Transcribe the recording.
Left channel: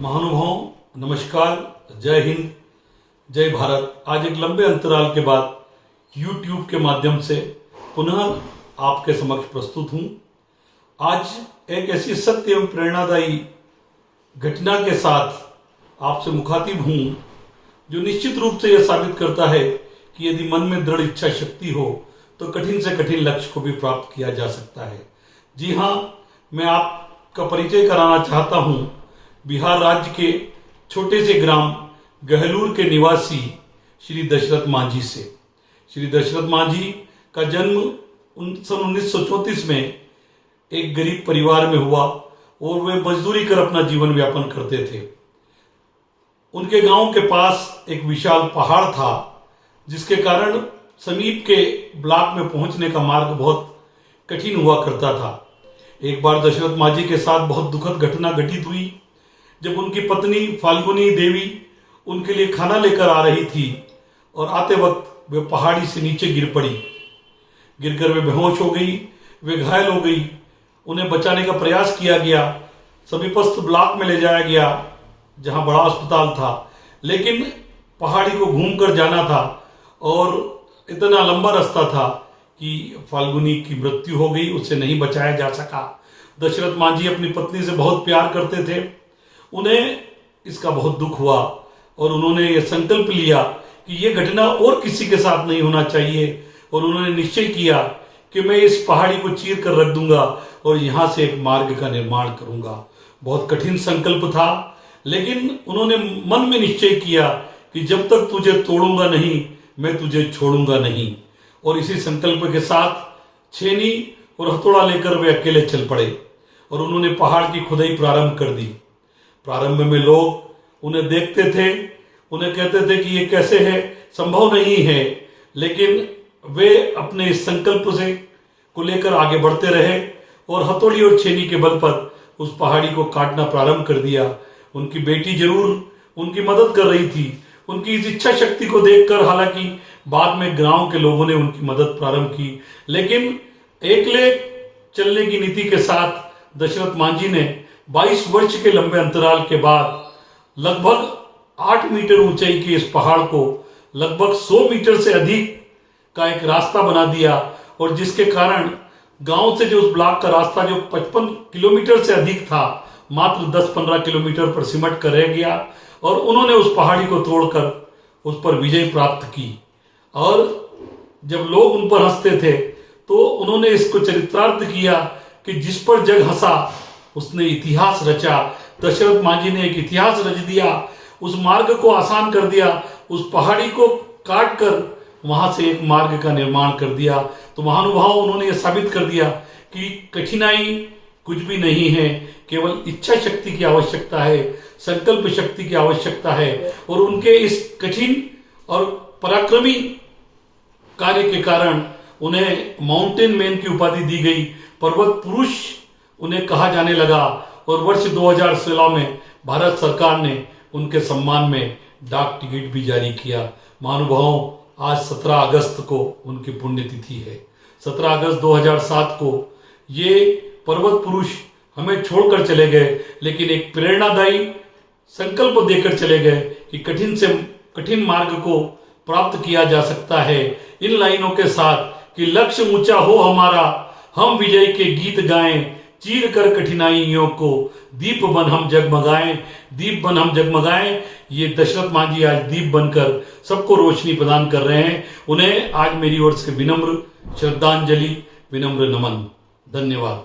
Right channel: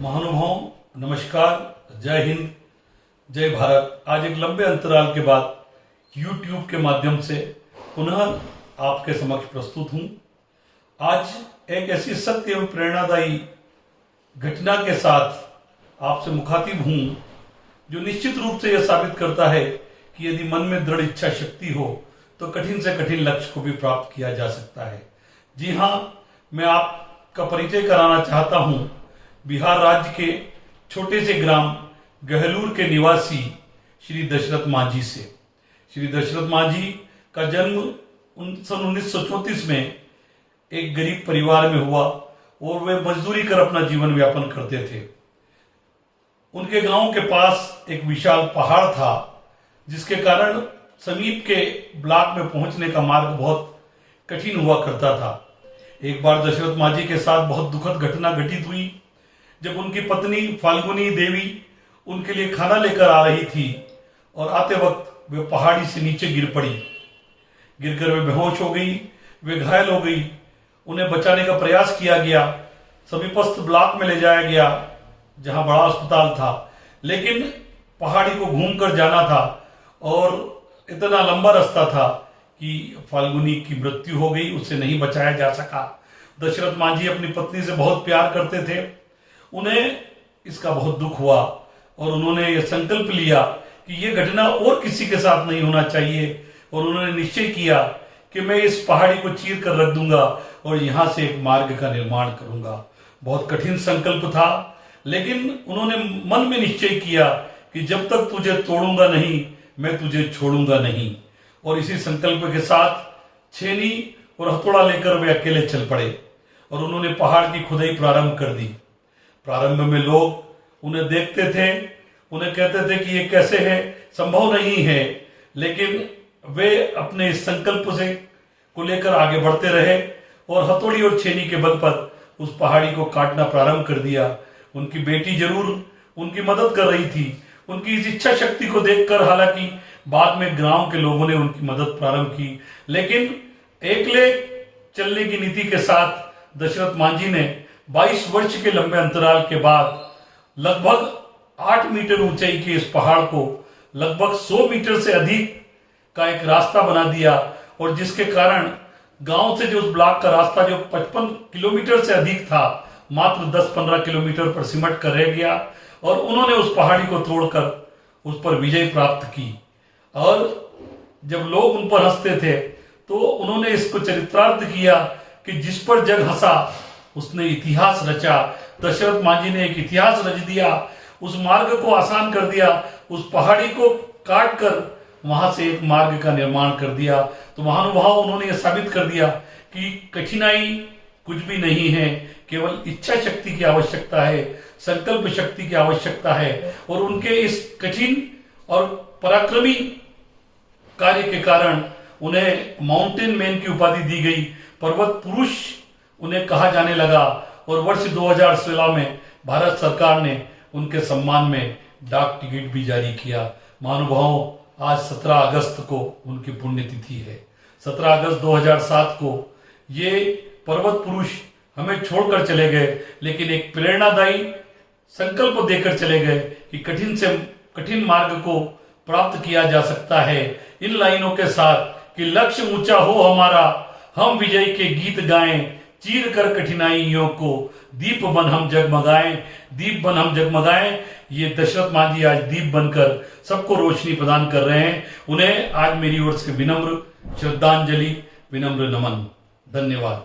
महानुभाव नमस्कार, जय हिंद, जय भारत। आज एक लंबे अंतराल के बाद YouTube के माध्यम से पुनः आपके समक्ष प्रस्तुत हूं। आज एक ऐसी सत्य एवं प्रेरणादायी घटना के साथ आपसे मुखातिब हूं जो निश्चित रूप से यह साबित करता है कि यदि मन में दृढ़ इच्छा शक्ति हो तो कठिन से कठिन लक्ष्य को भी प्राप्त किया जा सकता है। जी हां, मैं आपका परिचय कराना चाहता हूं बिहार राज्य के छोटे से ग्राम गहलूर के निवासी श्री दशरथ मांझी से। श्री दशरथ मांझी का जन्म सन 1934 में एक गरीब परिवार में हुआ और वे मजदूरी कर अपना जीवन यापन करते थे। उनके गांव के पास एक विशाल पहाड़ था जिसके कारण समीप के ब्लॉक में पहुंचने का मार्ग बहुत कठिन हुआ करता था। एक बार दशरथ मांझी के साथ बहुत दुखद घटना घटित हुई जब उनकी पत्नी फाल्गुनी देवी उनके लिए खाना लेकर आ रही थी और आते वक्त वे पहाड़ी से नीचे गिर पड़ी। गिरकर वे बेहोश हो गई, वे घायल हो गई। उन्हें बचाने का प्रयास किया गया, समीपस्थ ब्लॉक में ले जाया गया जहां बड़ा अस्पताल था, लेकिन पहाड़ी को घूमकर जाना था और इतना लंबा रास्ता था कि फाल्गुनी की मृत्यु हो गई, उसे नहीं बचाया जा सका। दशरथ मांझी अपनी पत्नी से बहुत प्यार करते थे, उन्हें इसका बहुत दुख हुआ और उन्होंने यह संकल्प लिया कि यह घटना और किसी के साथ नहीं होना चाहिए और उन्होंने निश्चय किया कि मैं इस पहाड़ी को चीर कर रख दूंगा और यहां से एक मार्ग का निर्माण करूंगा। बहुत कठिन संकल्प था, लेकिन उन्होंने मन में निश्चय किया कि जब तक तुझे तोड़ूंगा नहीं मैं तुझे छोड़ूंगा नहीं। और इसी संकल्प के साथ छेनी और हथौड़ा लेकर वे अकेले चल पड़े और उन्होंने पहाड़ की खुदाई प्रारंभ कर दी। प्रारंभ में लोग उन्हें देखते थे, उन्हें कहते थे कि ये कैसे है, संभव नहीं है, लेकिन वे अपने इस संकल्प से को लेकर आगे बढ़ते रहे और हथौड़ी और छेनी के बल पर उस पहाड़ी को काटना प्रारंभ कर दिया। उनकी बेटी जरूर उनकी मदद कर रही थी। उनकी इस इच्छा शक्ति को देखकर हालांकि बाद में गांव के लोगों ने उनकी मदद प्रारंभ की, लेकिन एकले चलने की नीति के साथ दशरथ मांझी ने 22 वर्ष के लंबे अंतराल के बाद लगभग 8 मीटर ऊंचाई के इस पहाड़ को लगभग 100 मीटर से अधिक का एक रास्ता बना दिया और जिसके कारण गांव से जो उस ब्लॉक का रास्ता जो 55 किलोमीटर से अधिक था मात्र 10-15 किलोमीटर पर सिमट कर रह गया और उन्होंने उस पहाड़ी को तोड़कर उस पर विजय प्राप्त की। और जब लोग उन पर हंसते थे तो उन्होंने इसको चरितार्थ किया कि जिस पर जग हंसा उसने इतिहास रचा। दशरथ मांझी ने एक इतिहास रच दिया, उस मार्ग को आसान कर दिया, उस पहाड़ी को काट कर वहां से एक मार्ग का निर्माण कर दिया। तो महानुभाव उन्होंने यह साबित कर दिया कि कठिनाई कुछ भी नहीं है, केवल इच्छा शक्ति की आवश्यकता है, संकल्प शक्ति की आवश्यकता है। और उनके इस कठिन और पराक्रमी कार्य के कारण उन्हें माउंटेन मैन की उपाधि दी गई, पर्वत पुरुष उन्हें कहा जाने लगा। और वर्ष 2016 में भारत सरकार ने उनके सम्मान में डाक टिकट भी जारी किया। महानुभावों, आज 17 अगस्त को उनकी पुण्यतिथि है। 17 अगस्त 2007 को ये पर्वत पुरुष हमें छोड़कर चले गए, लेकिन एक प्रेरणादायी संकल्प देकर चले गए कि कठिन से कठिन मार्ग को प्राप्त किया जा सकता है। इन लाइनों के साथ कि लक्ष्य ऊंचा हो हमारा, हम विजय के गीत गाएं, चीर कर कठिनाइयों को दीप बन हम जगमगाएं, दीप बन हम जगमगाएं। ये दशरथ मांझी आज दीप बनकर सबको रोशनी प्रदान कर रहे हैं। उन्हें आज मेरी ओर से विनम्र श्रद्धांजलि, विनम्र नमन। धन्यवाद।